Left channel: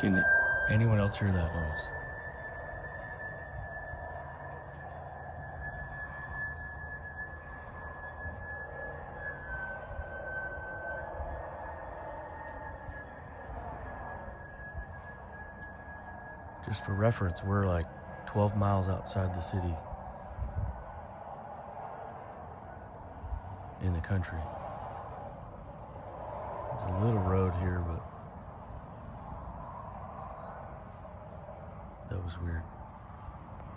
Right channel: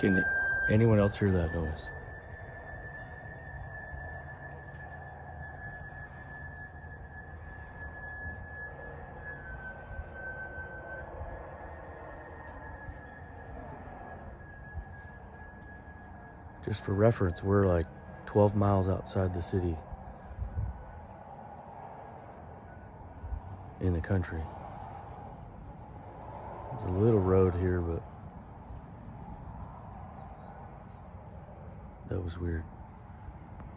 Can anyone else hear that noise? Just for reference, we're like 12 miles outside the city in the country. There's a little road here, but that was weird.